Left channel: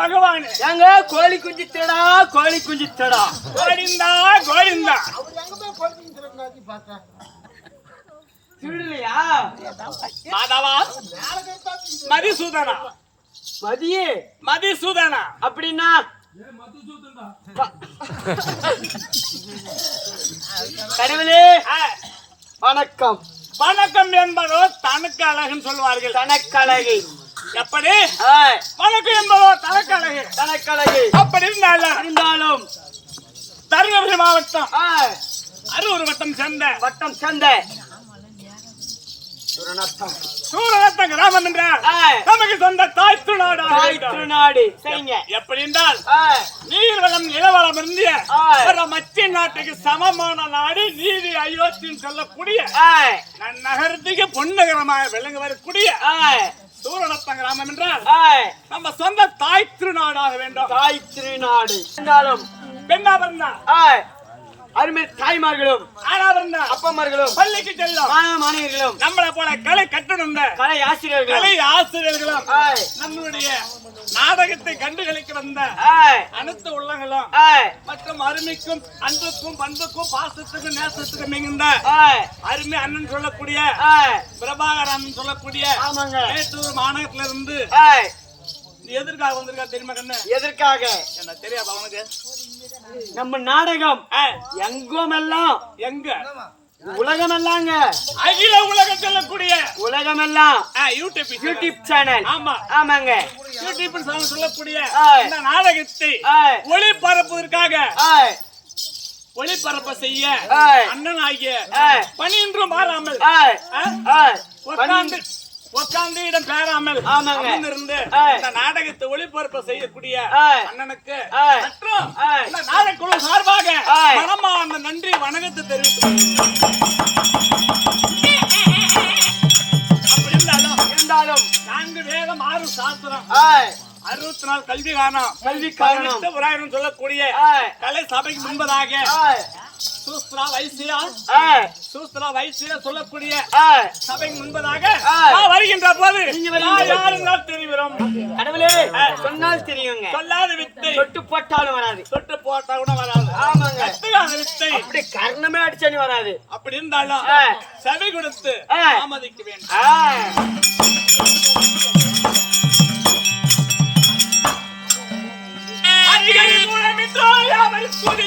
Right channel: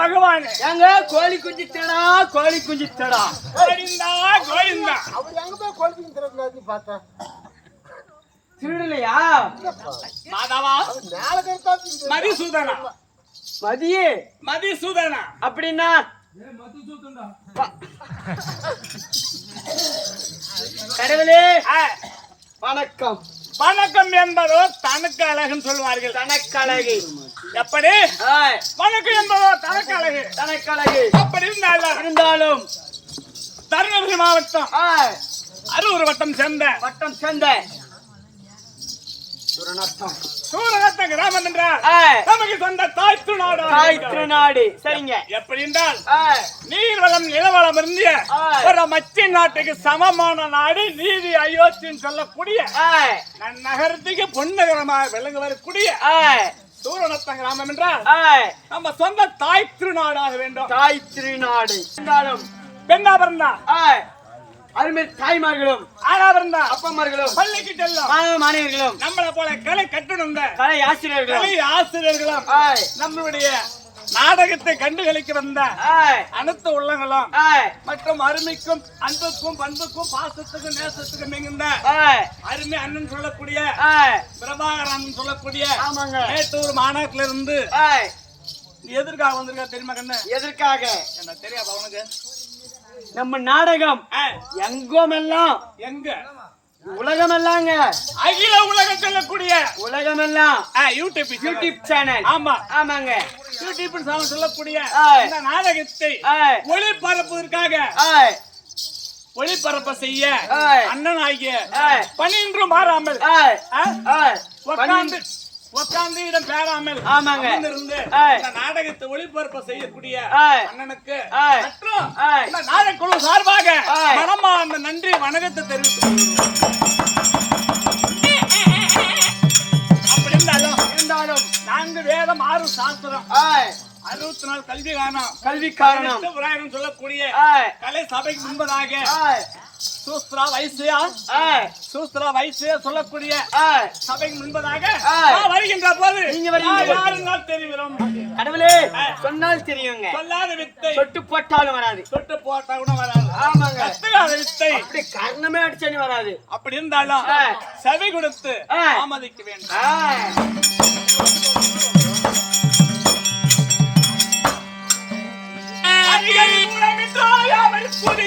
பகவானே. ஏங்க கோழி குஞ்சு தேடா கோழி குஞ்சு தேடா கோவிந்தா கோவிந்தா. அவர் எங்க போய் குழப்பிங்க திறக்கிறாரு பார்த்தேன் திருடலையா? மாதவா? மேல கருத்தா மதிசூதனா. மதியே. மதிசூதனா. அப்படின்னா? கடவுளே வணக்கம். வணக்கம் என்பதோ தனக்கு அழகுன்னு சொல்வார்கள் தனக்கழகு எப்படி? வணக்கம் என்பதோ தனக்கு அழகு தனக்கழகு. அப்படி இருந்தாலும் இருந்தாலும். தருமபுரி மாவட்டம். அரூர் வட்டம் சேர்ந்த. வட்டம் சந்தை துரணத்தம் சூரநத்தம் கிராமம் என்றால் நமக்கு சொந்த தாய் திருநாடு தாய் திருநாடு சரிங்க. எப்படி என்றால் ஆய், நீர் வளம் நிலவளம் இருந்திய. ஒரு மத்திய நாட்டுக்கு சமமான நாடு நீதி அயோத்தின்னு சொல்லக்கூடிய நகரத்துக்கு பொன்னகரமாக விளங்க வரக்கூடிய சூரநத்தம் கிராமம் என்றால் நம்ம சொந்த தாய் திருநாடாக வேண்டும். தாய் திருநாடு. இருந்தாலும் பெண்ணா பிறந்தா? அருமை தாய்மார்களும் ஆனாவிருந்தா அப்பமார்களும் பள்ளிக்கு செல்லும். மாணவ நம்மளை போல கலை கற்றுணர்ந்த கலை ஆசிரியர்களும் கலை ஆசிரியர்களும் நம்மளுடைய நாடகத்தை கண்டுகளிக்க வந்த அனைத்து உள்ளங்களும் மற்றும் அருமைக்கும் அன்புக்கும் பண்புக்கும் பாசத்துக்கும் நேசத்துக்கும் மிகுந்த அருமை அண்ணன் சொல்லக்கூடிய ஆய் பிரபாகரன் சொல்லக்கூடிய ஆமாங்க. மேட்டூர் மாநகரத்துல இருந்து எதற்காக வந்திருக்கா தெரியுமா கண்ணு? எதற்காக? என்ன தெரியாதா உனக்கு? நம்ம நாடகம் ஆ, எங்கோமெல்லாம் எங்க? உலகமெல்லாங்க. அகில உலகம் சொல்லக்கூடிய உலகமெல்லாம் ஆ, யூடியூப் யூடியூப் சேனல் ஆமா. ஆமாங்க. யூடியூப் சேனல் சொல்லக்கூடிய. இந்த நாடகத்தை ஒளிபரப்புவதற்காக ஒளிபரப்ப செய்ய. அண்ணன் ஆகிய பணியின்றும் மாறாமல் உட்கார்ந்து உட்கார்ந்து இடம் பேராமல் ஆமாங்க. இருந்து. இந்த நாடகத்தை ஒளிபரப்ப செய்யக்கூடிய. அண்ணனுக்கு. மற்றும். இந்த நாடகக்குழு சார்பாக ஆய். மனமார்ந்த நன்றி வணக்கத்தை. அப்படி இருந்தாலும் நான்கு வேதம் ஆறு சாஸ்திரம் அறுபத்தி நாலு கல்வி காரணம் கல்வி காரணம் சொல்லக்கூடிய கலை சபைக்கு முன்பதாக சூஸ்திரா வைசியா? சூஸ்திரா வைசியா சொல்லக்கூடிய சபைக்கு முன்பதாக வருகின்ற போது நீங்க தெரிவிறோம் கடவுளே சொன்னால் தெரியுங்க. சொல்லாத வித்தை. தொட்டு போட்டாலும் வராது. தொட்டு போட்டா கூட வராது. ஆமாங்க. கத்துக்காத வித்தை. அப்படி கர்ணமே அடிச்சாலும் வராது. அப்படி இருந்தாலும். செவி கொடுத்து ஆ. தாமதிக்க வேண்டும். அடிக்கடி மூலமின்றோ யாவை புதி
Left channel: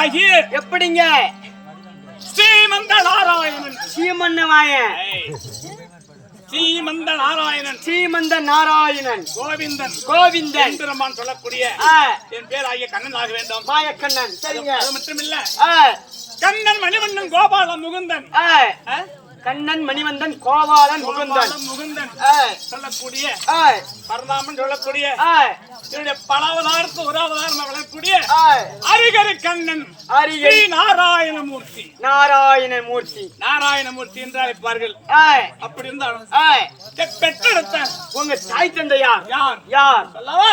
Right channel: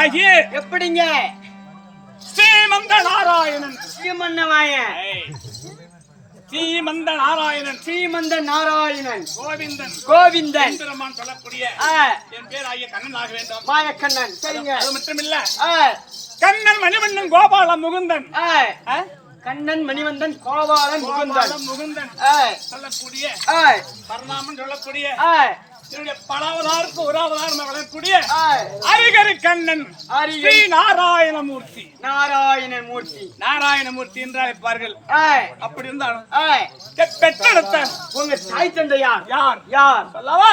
பேராகி எப்படிங்க? ஸ்ரீமந்த நாராயணன் சீமன்ன வாயன் ஏய். ஸ்ரீமந்த நாராயணன் சீமந்த நாராயணன் கோவிந்தன். கோவிந்தன். பெருமான் சொல்லக்கூடிய என் பேராகிய கண்ணன் ஆக வேண்டும். மாயக்கண்ணன். சரிங்க. அது மட்டும் இல்ல கண்ணன் மணிவண்ணன் கோபால முகுந்தன்? கண்ணன் மணிவந்தன் கோபாலன் முகுந்தன். முகுந்தன். சொல்லக்கூடிய ஆய் பரதாமன் சொல்லக்கூடிய என்னுடைய பல அவதாரத்து ஒரு அவதாரம் விளக்கக்கூடிய ஆய் அரிகரி கண்ணன் அரியை ஸ்ரீ நாராயணமூர்த்தி. நாராயண மூர்த்தி நாராயணமூர்த்தி என்று அழைப்பார்கள். அப்படி இருந்தாலும் பெற்றெடுத்த உங்க தாய் தந்தை யார்? யார்? யார் சொல்லவா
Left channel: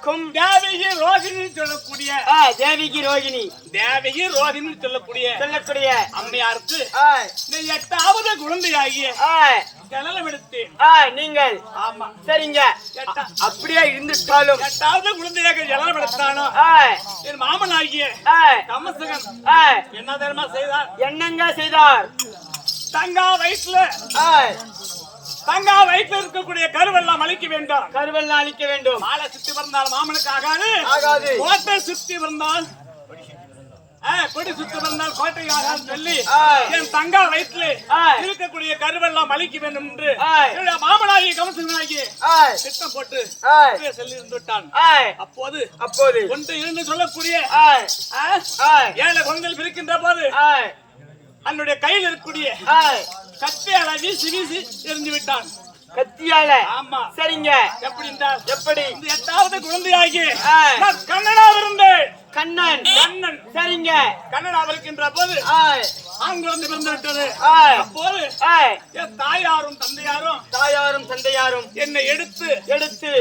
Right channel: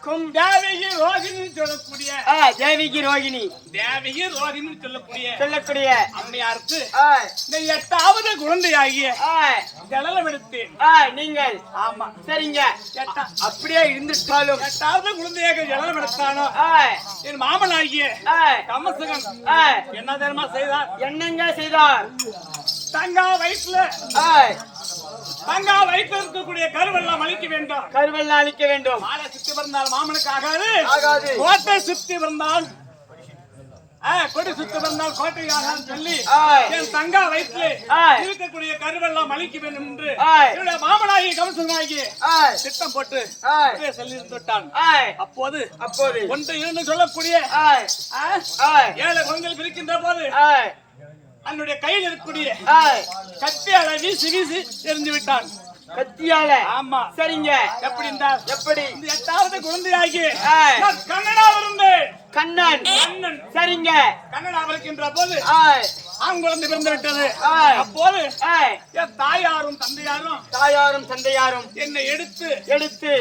வசுதேவருக்கும் தேவகி ரோகிணி சொல்லக்கூடிய தேவிகி ரோகிணி. தேவகி ரோகிணி சொல்லக்கூடிய சொல்லக்கூடிய அம்மையாருக்கு இந்த எட்டாவது குழந்தையாகிய ஜலலம் எடுத்தேன். ஆய் நீங்கள். ஆமா. சரிங்க. அப்படியே இருந்துட்டாலும். எட்டாவது குழந்தையாக ஜலனம் எடுத்தானோ? என் மாமன் ஆகிய ஆய் என்ன தெரியுமா செய்தார்? என்னங்க செய்தார்? தங்கா ஆய் தங்கா வயிற்றுல இருக்கக்கூடிய கருவெல்லாம் அழிக்க வேண்டாம். கருவெல்லாம் அழிக்க வேண்டும். மாலை சுத்தி பிறந்தால் மாமனுக்கு ஆகாது. ஆகாது. கோட்டை சுத்தி பிறந்தால் ஆ, கொடி சுத்தி பிறந்தால் கோட்டை ஆகாது சொல்லி. என் தங்கா வயிற்றுல. இருக்கக்கூடிய கருவெல்லாம் அழிக்க வேண்டும் என்று மாமனாகி கமசனாகி ஆய் திட்டம் போட்டு சொல்லி இருந்து விட்டான். ஆய் அப்போது அப்போது. ஒன்று இரண்டு சொல்லக்கூடிய ஏழை குழந்தைகள் பிரிக்கின்ற போது என்னுடைய கையில் இருக்கக்கூடிய கத்தியால வீசி வீசி எரிஞ்சு விட்டான். கத்தியால? ஆமா. சரிங்க. எப்படி இருந்தால் எப்படி? இந்த எட்டாவது குழந்தையாகி கண்ணனாக இருந்தேன். கண்ணன். கண்ணன். சரிங்க. கண்ணனாக இருக்கின்ற போது ஆண் குழந்தை பிறந்து விட்டது. அப்போது என் தாயாரும் தந்தையாரும் தாயாரும் தந்தையாரும் என்னை எடுத்து எடுத்து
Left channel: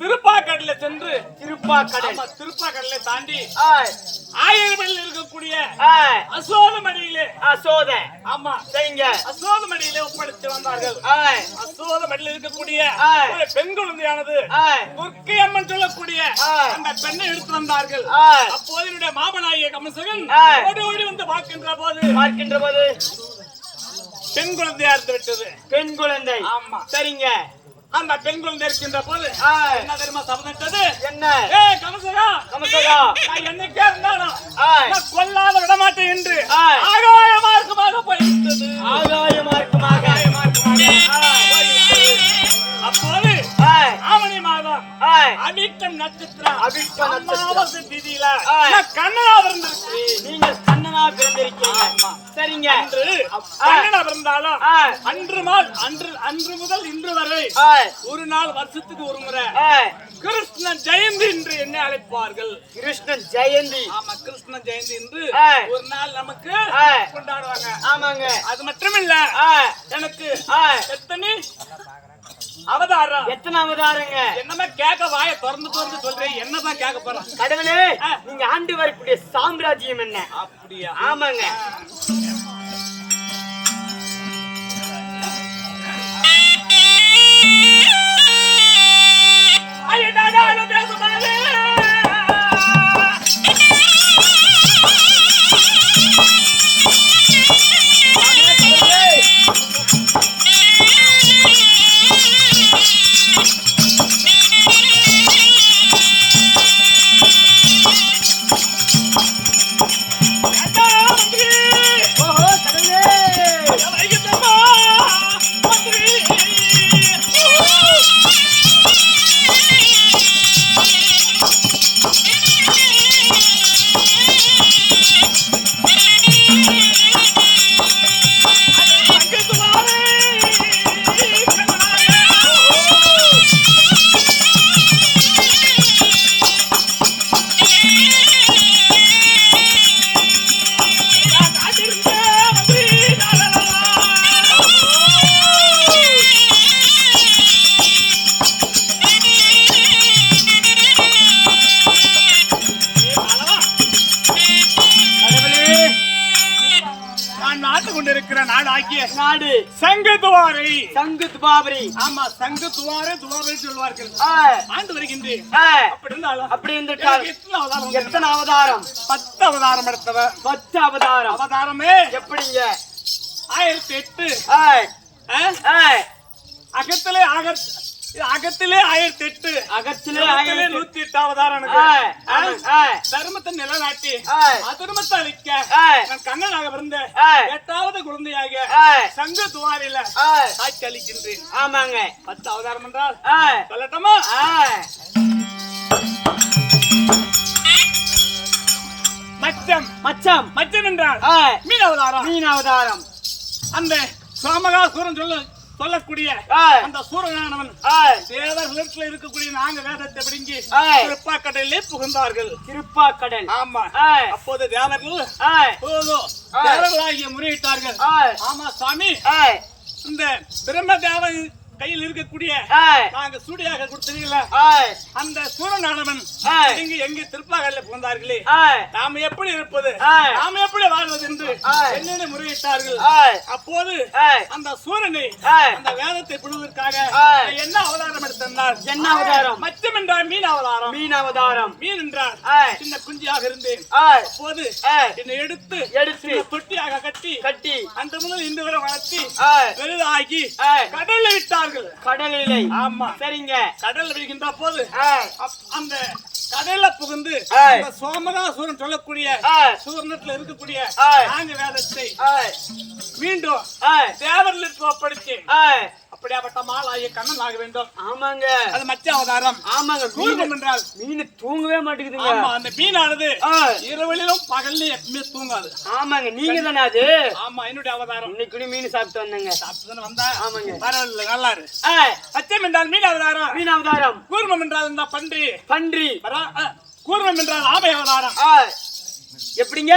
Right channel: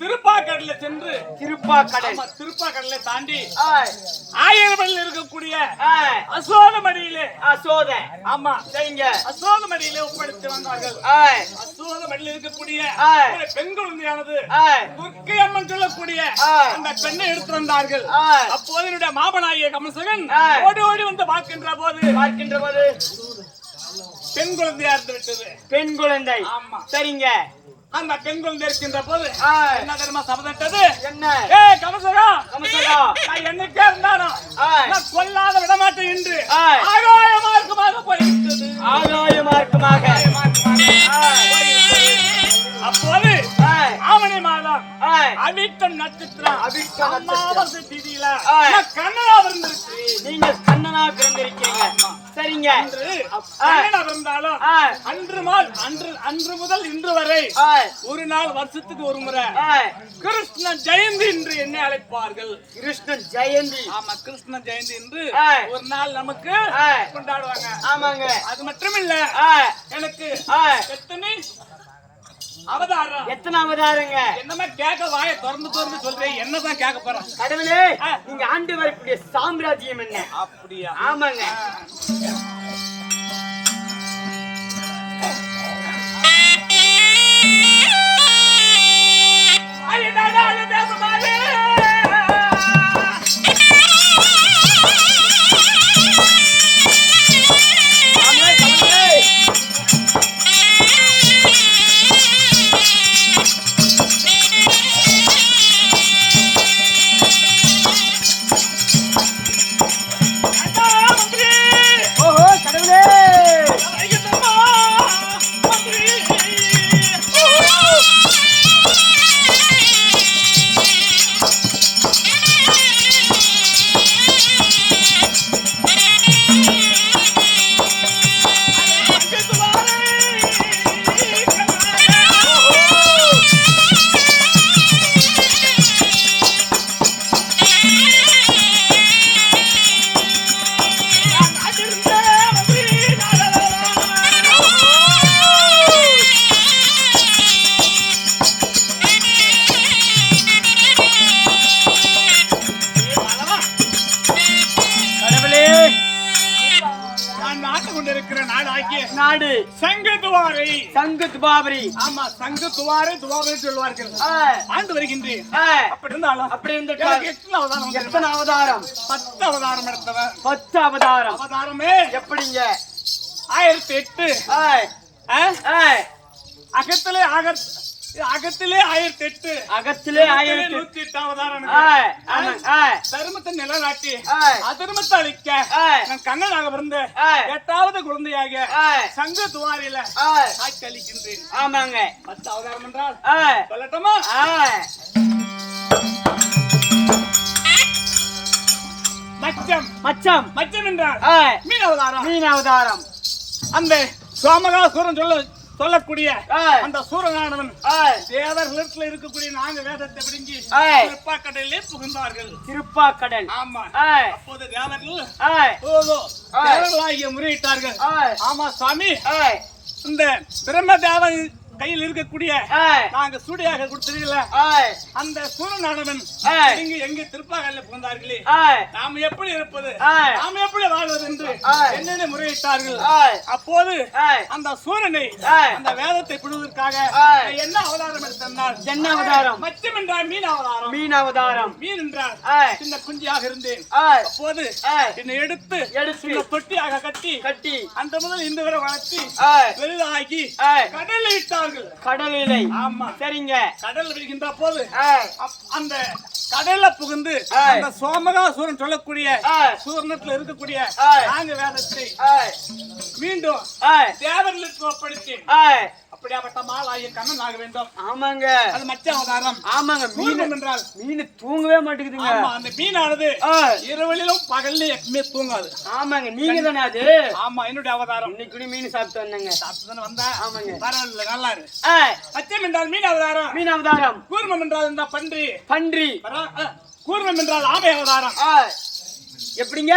திருப்பாக்கடல சென்று திருப்பாக்கடல் திருப்பாக்கடலை தாண்டி ஆய். ஆயிரமடியில் இருக்கக்கூடிய ஆய். அசோகமடியிலே அசோத ஆமா. சரிங்க அசோகமடியிலே ஒப்படைத்து வந்தார்கள். ஆய். அசோகமடியில் இருக்கக்கூடிய பெண் குழந்தையானது துர்க்கை அம்மன் சொல்லக்கூடிய. அந்த பெண்ணை எடுத்து வந்தார்கள். அப்போது என்னுடைய மாமனாகிய கமசகன். ஓடி ஓடி வந்து பார்க்கின்ற போது பார்க்கின்ற போது பெண் குழந்தையா இருந்து விட்டது. பெண் குழந்தை. ஆமா. சரிங்க. அந்த பெண் குழந்தை இருக்கின்ற போது என்ன தெரியுமா சபதத்தது என்ன? ஏய் கமசகா. கமசகா. நான் என்னைக்கே இருந்தானோ ஆய் நான் கொல்லாத விடமாட்டேன் என்று ஆய். ஆகாய மார்க்கமாக போய்விட்டது. ஆகாய மார்க்கமாக. அப்போது ஆவணி மாதம் ஆய் அபிட்டம் நட்சத்திரம். நட்சத்திரம். அமாவாசை திதியில கண்ணனா பிறந்திருக்கு நீங்க கண்ணனா பிறந்திருக்கீங்க. சரிங்க. அன்று பிறந்தாலும் அன்று நாள் அன்று அன்று முதல் இன்று வரை ஒரு நாள் வருஷத்துக்கு ஒரு முறை கிருஷ்ண ஜெயந்தி என்று என்னை அழைப்பார்கள். கிருஷ்ணன் ஜெயந்தி. ஆமா கிருஷ்ண ஜெயந்தி என்று. ஒரு நாள் நமக்கு. கொண்டாடுவாங்க. ஆமாங்க. அது மட்டுமில்ல எனக்கு எத்தனை அவதாரம். எத்தனை அவதாரங்க? என்னமா கேட்க வாய திறந்து திறந்து சொல்றேன் என்னதான் கேட்க போறான்? கடவுளே. நீங்க ஆண்டு வரக்கூடிய சாம்ராஜ்யம் என்ன? அப்படியா? ஆமாங்க. சங்கு துபாபரி ஆமா சங்கு துவாரை துவாரை சொல்வார்கள். ஆண்டு வருகின்றேன் ஆய் அப்படி இருந்தாலும் அப்படி இருந்துட்டால் எத்தனை அவதாரம்? எத்தனை அவதாரம்? பத்து அவதாரம் எடுத்தவன் பத்து அவதாரம். அவதாரமே? எப்படிங்க? ஆயிரத்தி எட்டு. அகத்திலே அகத் அகத்திலே ஆயிரத்தி எட்டு அகத்திலே ஆயிரத்தி நூத்தி எட்டு அவதாரம் ஆய் எனக்கு. ஆமாங்க ஆய் தர்மத்தை நிலநாட்டி அதர்மத்தை அழிக்க நான் கண்ணனாக பிறந்த எட்டாவது குழந்தையாக சங்க துவாரில ஆய் சாட்சி அளிக்கின்றேன் ஆமாங்க. பத்து அவதாரம் என்றால் சொல்லட்டுமா? மச்சம். மச்சம். மச்சம் என்றால் மீன் அவதாரம் மீன் அவதாரம் அந்த சோமகாசுரன் சொல்ல சொல்லக்கூடிய அந்த சூரனானவன் தேவர்களிடத்துல இருக்கக்கூடிய நாங்க வேதத்தை பிடுங்கி ஆய் திருப்பாக்கடலிலே புகுந்தார்கள். திருப்பாக்கடல் ஆமா. அப்போது தேவர்கள். தேவர்களாகிய முறையிட்டார்கள். ஆமா சாமி. இந்த பிரம்ம தேவன் கையில் இருக்கக்கூடிய நாங்க சூடியாக கொடுத்தீங்கள ஏய், அந்த சூரநாடவன். இங்கு எங்கே திருப்பாகல்ல புகுந்தார்களே? நாம் எப்படி இருப்பது. நாம் எப்படி வாழ்வது என்று. என்னென்ன முறையிட்டார்கள்? அப்போது அந்த சூரனை. அந்த வேதத்தை பிடுவதற்காக என்ன அவதாரம் எடுத்திருந்தார் என்ன அவதாரம்? மச்சம் என்றால் மீன் அவதாரம். மீன் அவதாரம். மீன் என்றால் ஏய், சின்ன குஞ்சியாக இருந்தேன். அப்போது என்னை எடுத்து எடுத்து தொட்டியாக கட்டி கட்டி. அந்த முதல் இந்த வரை வளர்த்தி பெரிதாகி கடலில் விட்டார்கள் கடலிலை. ஆமா. சரிங்க. கடல்ல விடுகின்ற போது அந்த கடல்ல புகுந்து சோமகாசூரன் சொல்லக்கூடிய சூர்ணத்துல இருக்கக்கூடிய. நாங்க வேதத்தை மீண்டும் தேவர்களுக்கு ஒப்படைத்து அப்படியாப்பட்ட மாலாகிய கண்ணன் ஆக வேண்டும். ஆமாங்க. அது மச்ச அவதாரம். ஆமாங்க. மீன் என்றால். மீன் தூங்கவே மாட்டேங்குதுங்க. அந்த மீனானது இரவலிலும் பகல்லையும் எப்பவுமே தூங்காது. ஆமாங்க. நீங்க தானே அது? ஆமா என்னுடைய அவதாரம். இன்னைக்கு மீன் சாப்பிட்டு வந்தேங்க. சாப்பிட்டு தானே வந்தா? ஆமாங்க. பரவாயில்ல நல்லா இரு அச்சம் என்றால் மீன் அவதாரம். மீன் அவதாரம். கூர்மம் என்றால் இந்த பன்றி. பன்றி. வரா- அ, கூர்மம் என்றால் ஆமை அவதாரம் எப்படிங்க?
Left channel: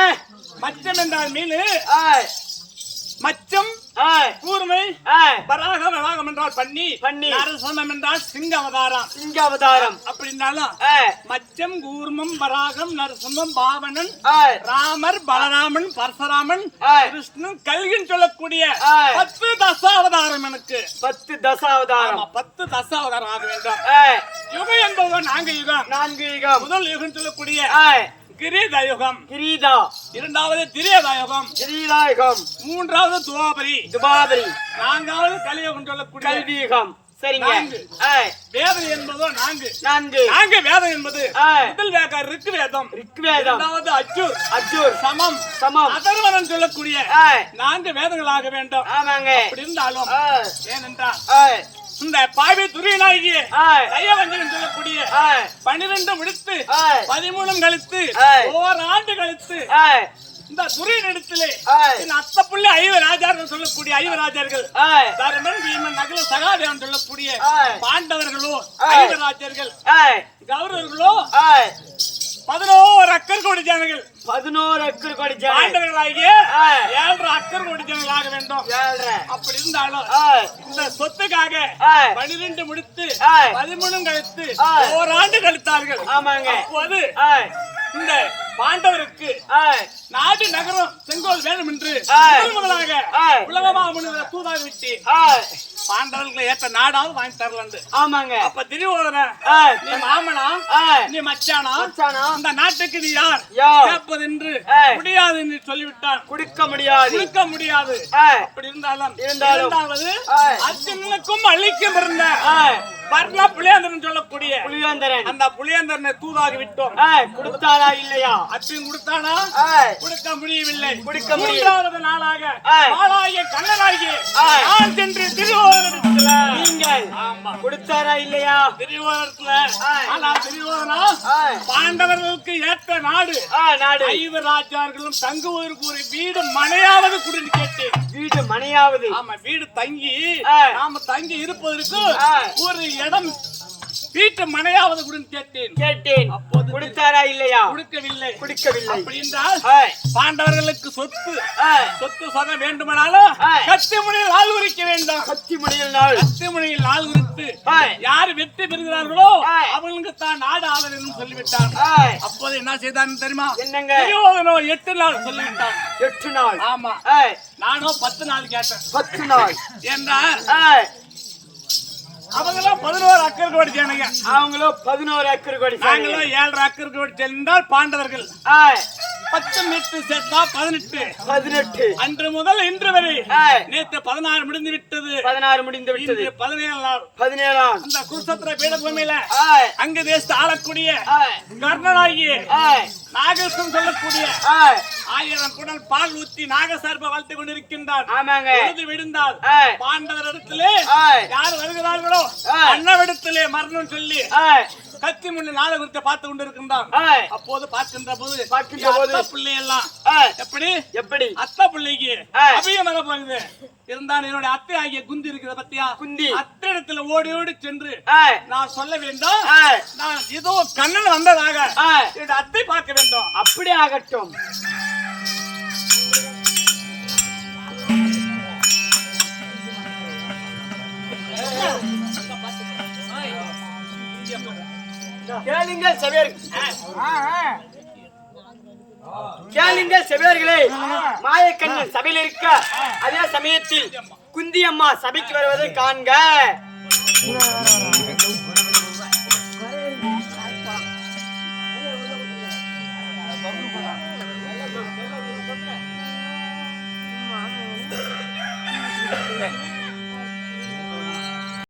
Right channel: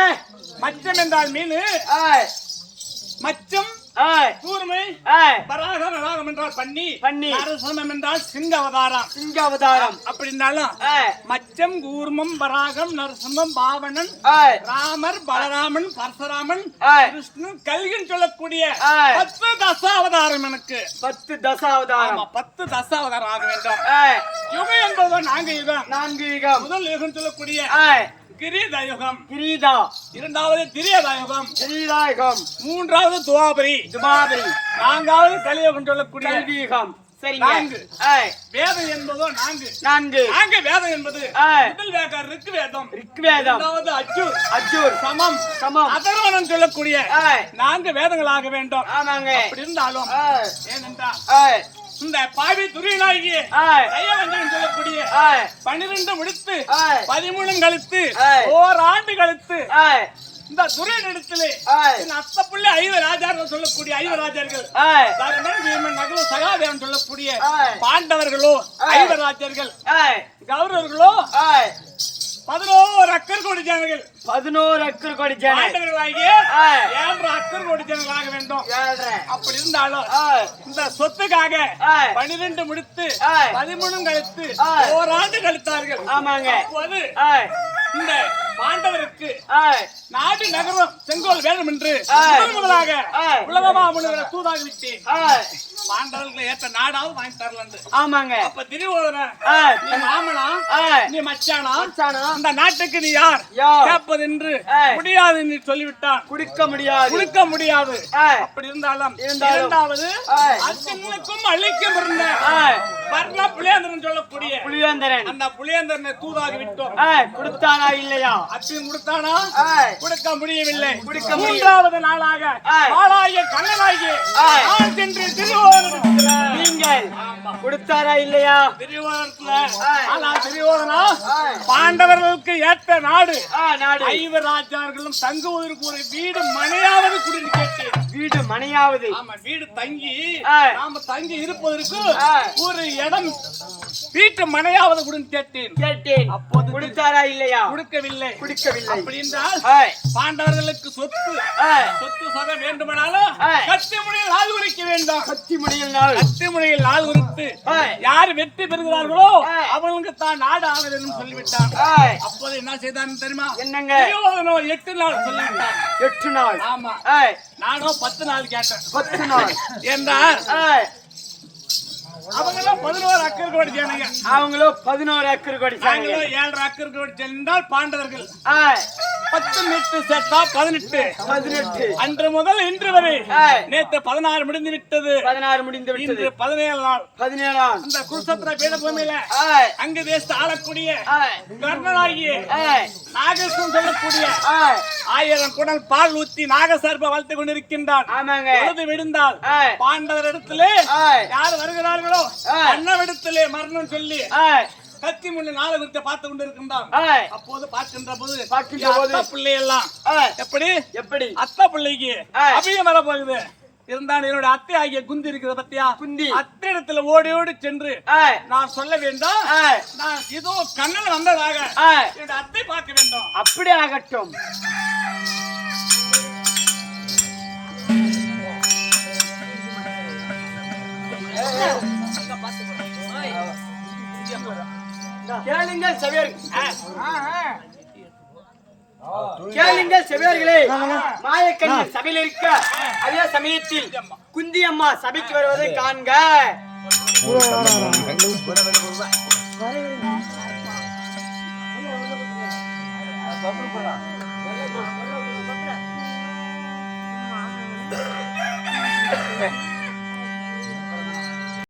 மச்சம் என்றால் மீன். மச்சம் கூர்மை என்றால் பன்னி பன்னி. நரசனம் என்றால் சிங்க அவதாரம். சிங்க அவதாரம் அப்படி இருந்தாலும் ஏய், மச்சம் கூர்மம் வராகம் நரசிம்மம் பாவனன் ராமர் பலராமன் பரசுராமன் கிருஷ்ணன் கல்கின்னு சொல்லக்கூடிய. பத்து தசாவதாரம் எனக்கு. பத்து தசாவதாரம். பத்து தசாவதாரம் ஆக வேண்டும். யுகம் என்பதோ நான்கு யுகம். நான்கு யுகம். முதல் யுகம் சொல்லக்கூடிய ஏய், கிரீத. இரண்டாவது திரியதா யுகம் கிரீதா யுகம் மூன்றாவது துவாபரி. துபாபரி நான்காவது கலியுகம் சொல்லக்கூடிய கல்வி யுகம் சரிங்க. வேதம் என்பதோ நான்கு. நான்கு. நான்கு வேதம் என்பது முதல் வேக ரிக்கு வேதம் ரிக்வேதம் இரண்டாவது அஜூர். அஜூர். சமம். சமம். அதர்வனம் சொல்லக்கூடிய நான்கு வேதங்களாக வேண்டும். ஆமாங்க. அப்படி இருந்தாலும் ஏனென்றால் இந்த பாவி தயவஞ்சன் சொல்லக்கூடிய பன்னிரண்டு முடித்து ஏய், பதிமூணும் கழித்து. ஓராண்டு கழித்து. இந்த துரியன் இடத்திலே அத்த புள்ளி ஐவ ராஜார்கள் சொல்லக்கூடிய ஐவ ராஜார்கள் ஏய், தருமன் பீமன் நகுல சகாதேவன் சொல்லக்கூடிய. பாண்டவர்களோ ஏய். ஐவ ராஜர்கள் ஏய், கௌரவர்களோ பதினோரு அக்கர் கோடி ஜனங்கள் பதினோரு அக்கர் கோடி ஜன பாண்டவர்களாகிய ஏய், ஏழரை அக்கர் கோடி ஜனங்கள் ஆக வேண்டும். அப்படி இருந்தாலும் இந்த சொத்துக்காக பனிரெண்டு முடித்து ஏய். பதிமூணும் கழித்து. ஓராண்டு கழித்தார்கள். ஆமாங்க. அப்போது இந்த பாண்டவருக்கு நாடு நகரம் செங்கோல் வேணும் என்று முதலாக. உலகமா முனிவர தூதாக விட்டு ஏய், பாண்டவர்களை ஏற்ற நாடாவது வாங்கி தரலண்டு. ஆமாங்க. அப்ப திரிவோதன நீ மாமனா நீ மச்சானா? மச்சானா? அந்த நாட்டுக்கு நீ யார்? கேட்பது என்று. முடியாது என்று சொல்லிவிட்டான். குடிக்க முடியாது. கொடுக்க முடியாது. அப்படி இருந்தாலும். இரண்டாவது. அர்ஜுனனுக்கும் அழிக்கும் இருந்த ஏய், பர்ண புலியேந்திரன் சொல்லக்கூடிய புலிவேந்தரன் அந்த புலியேந்திரனை தூதாக விட்டோம் கொடுத்தாரா இல்லையா? அர்ஜுன் கொடுத்தானா? கொடுக்க முடியவில்லை. கொடுக்க முடிய- மூன்றாவது நாளாக கண்ணனாகிய ஏய். நான் சென்று திருவோணத்துல நீங்கள் கொடுத்தாரா இல்லையா? திருவோணத்துல. ஏய். ஆனா திருவோணனா ஏய், பாண்டவர்களுக்கு ஏற்ற நாடு. நாடு. ஐவ ராஜார்களும் தங்குவதற்கு ஒரு வீடு மனையாவது குடின்னு கேட்டேன். வீடு மனையாவது. ஆமா வீடு தங்கி. நாம தங்கி இருப்பதற்கு. ஒரு இடம் வீட்டு மனையாவது குடின்னு கேட்டேன். கேட்டேன். அப்போது கொடுத்தாரா இல்லையா? கொடுக்கவில்லை. குடிக்கவில்லை. அப்படி என்றால் ஏய், பாண்டவர்களுக்கு சொத்து சொத்து சதம் வேண்டுமானாலும் ஏய். கத்தி முனையில் ஆள் உரிக்க வேண்டும். கத்தி முடியல் நாள். கத்தி முனையில் ஆள் உரித்து யார் வெற்றி பெறுகிறார்களோ. அவங்களுக்கு தான் நாடு என்று சொல்லிவிட்டான் அப்போது என்ன செய்தான் தெரியுமா? என்னங்க? எட்டு நாள் சொல்லிவிட்டான் எட்டு நாள். ஆமா. ஏய், நானோ பத்து நாள் கேட்டேன். பத்து நாள். ஏய், அவங்களாம் பதினோரு அக்கர் கோடி ஜனங்க அவங்களோ பதினோரு ஏக்கர் கோடி சாணிங்க நாங்களும் ஏழரை அக்கர் கோடி சென்றால் பாண்டவர்கள். பத்து மீட்டர் சேர்த்தா பதினெட்டு. பதினெட்டு. அன்று முதல் இன்று வரை நேற்று பதினாறு முடிந்து விட்டது. பதினாறு முடிந்து விட்டது. பதினேழு நாள். பதினேழாம். அந்த குருசத்திர பீடபூமியில அங்கு தேசத்து ஆளக்கூடிய ஏய், நாகேஸ்வரன் சொல்லக்கூடிய ஆயிரம் குடல் பால் ஊத்தி நாகசர்ப வளர்த்து கொண்டிருக்கின்றார். ஆமாங்க. பொழுது விடுந்தால் ஏய், பாண்டவரிடத்திலே யார் வருகிறார்களோ. அண்ணவிடத்திலே மரணம் சொல்லி கத்தி முன்னு நாளை குறித்து பார்த்து கொண்டிருக்கின்றான் ஏய், அப்போது பார்க்கின்ற போது பார்க்கின்ற போது. பிள்ளை எல்லாம் எப்படி? எப்படி? அத்தை பிள்ளைக்கு. அபியம் வர போகுது இருந்தாலும் என்னோட அத்தை ஆகிய குந்தி இருக்கிறத பத்தியா? குந்தி. அத்தை இடத்துல ஓடி ஓடி சென்று நான் சொல்ல வேண்டும். நான் இதோ கண்ணன் வந்ததாக என்னோட அத்தை பார்க்க வேண்டும். அப்படி ஆகட்டும். கேளுங்கள் செவியர். கேளுங்கள் செவியர்களே. மாயக்கண்ணன் சபையில் இருக்க அதே சமயத்தில் குந்தி அம்மா சபைக்கு வருவதை காண்க.